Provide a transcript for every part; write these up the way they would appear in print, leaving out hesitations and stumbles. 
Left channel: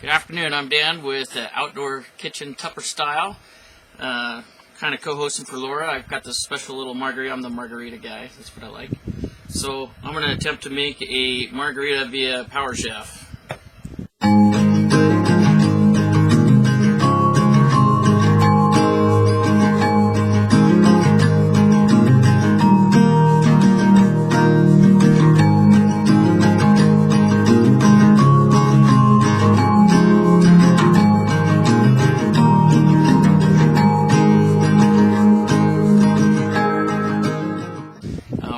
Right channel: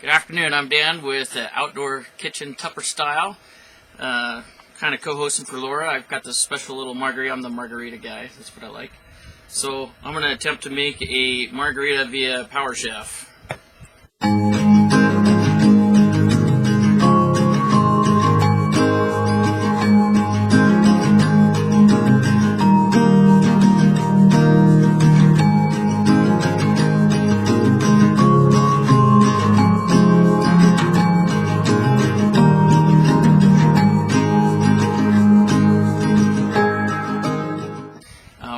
Good afternoon, I'm Dan with Outdoor Kitchen Tupper Style. Kind of co-hosting for Laura. I've got this special little margarita. I'm the margarita guy, that's what I like. So I'm going to attempt to make a margarita via Power Chef.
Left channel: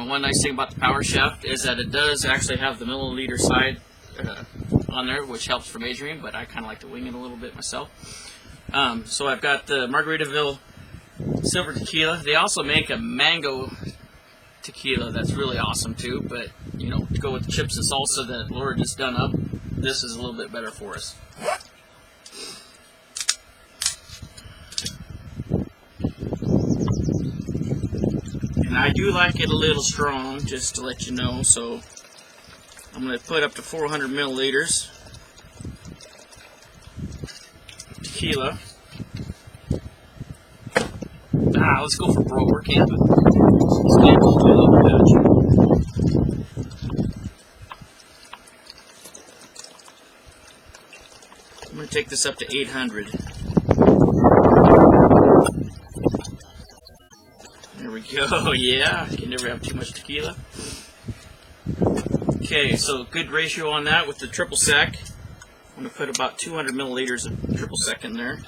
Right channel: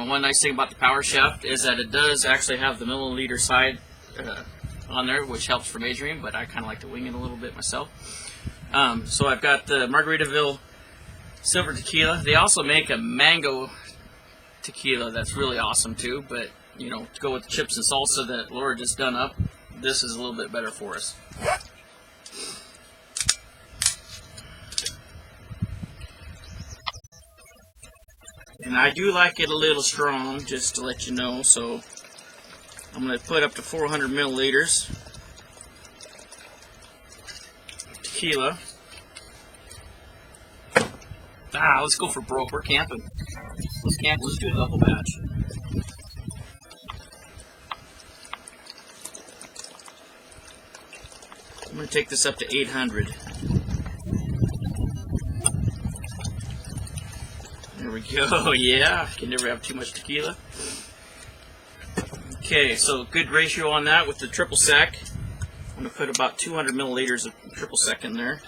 One nice thing about the Power Chef is that it does actually have the milliliter side on there, which helps for measuring, but I kind of like to wing it a little bit myself. So I've got the Margaritaville Silver Tequila. They also make a mango tequila that's really awesome too, but you know, to go with the chips and salsa that Laura just done up, this is a little bit better for us. And I do like it a little strong, just to let you know, so I'm going to put up to 400 milliliters of tequila. Let's go for broke. We're camping. Let's camp, just do a double batch. I'm going to take this up to 800. There we go, yeah, you can never have too much tequila. Okay, so good ratio on that with the triple sec. I'm going to put about 200 milliliters of triple sec in there.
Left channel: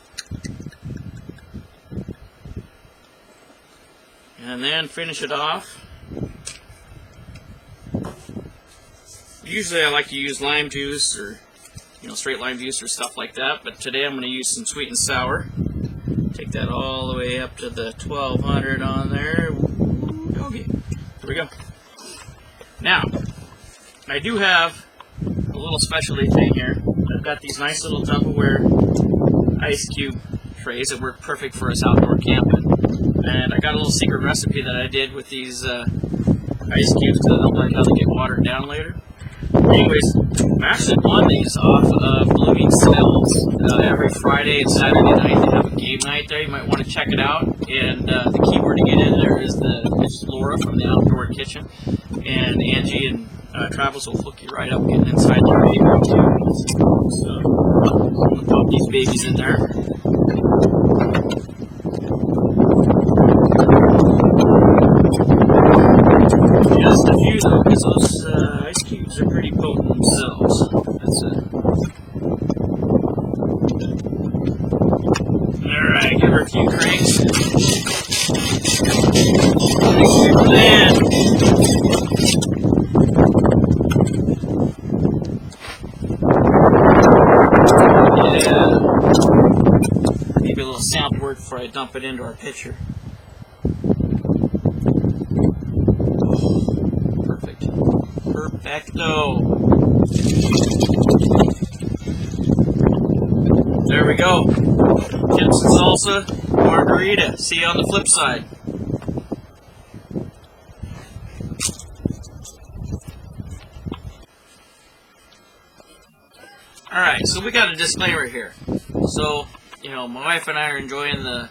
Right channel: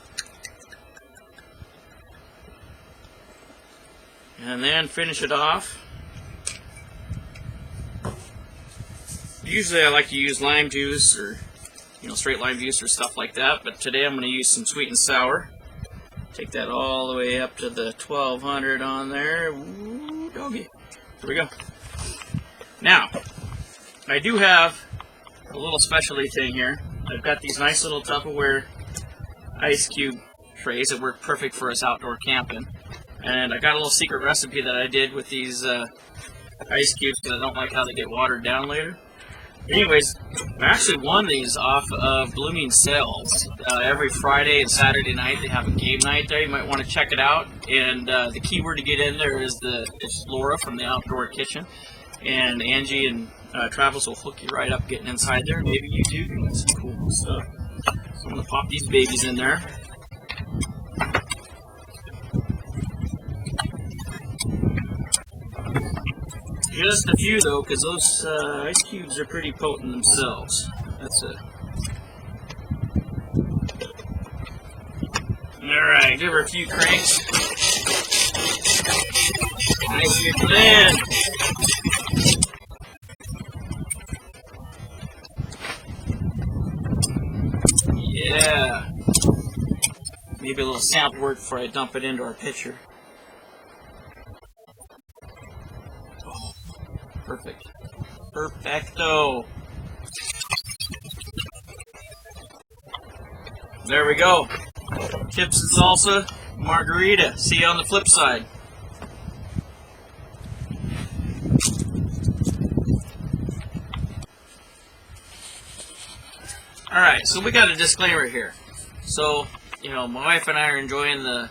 And then finish it off. Usually I like to use lime juice or, you know, straight lime juice or stuff like that, but today I'm going to use some sweet and sour. Take that all the way up to the 1200 on there. Ooh, doggy. Here we go. Now, I do have a little specialty thing here. I've got these nice little Tupperware ice cube trays that work perfect for us outdoor camping. And I got a little secret recipe that I did with these ice cubes because I don't like how they get watered down later. Anyways, I actually won these off of Blooming Sales. Every Friday and Saturday night they have a game night there. You might want to check it out. And the keyword to get in there is it's Laura from the Outdoor Kitchen. And Angie and Travis will hook you right up getting inside there. Maybe you too. So I'm going to pop these babies in there. Just a few though, because those ice cubes are pretty potent themselves. That's it. Alright, give her a few cranks. Ice cubes in. Yeah. Maybe a little sample work before I dump it into our pitcher. Perfecto. There we go. Chips and salsa, margarita. See you on the flip side. Alright, so we got a disclaimer here. So, you know, my wife and I are enjoying the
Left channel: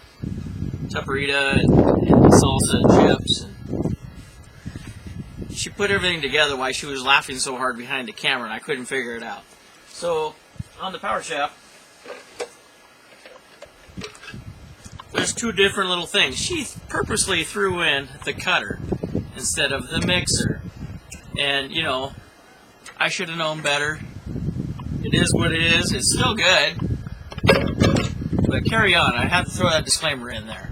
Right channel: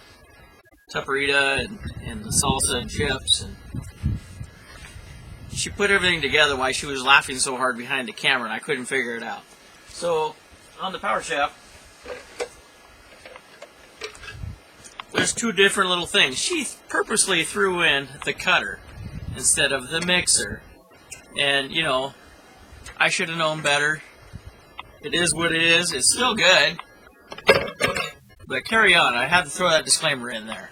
Tupperita and the salsa and chips, and she put everything together while she was laughing so hard behind the camera, and I couldn't figure it out. So, on the Power Chef, there's two different little things. She purposely threw in the cutter instead of the mixer. And, you know, I should have known better. It is what it is. It's still good. But carry on. I had to throw that disclaimer in there.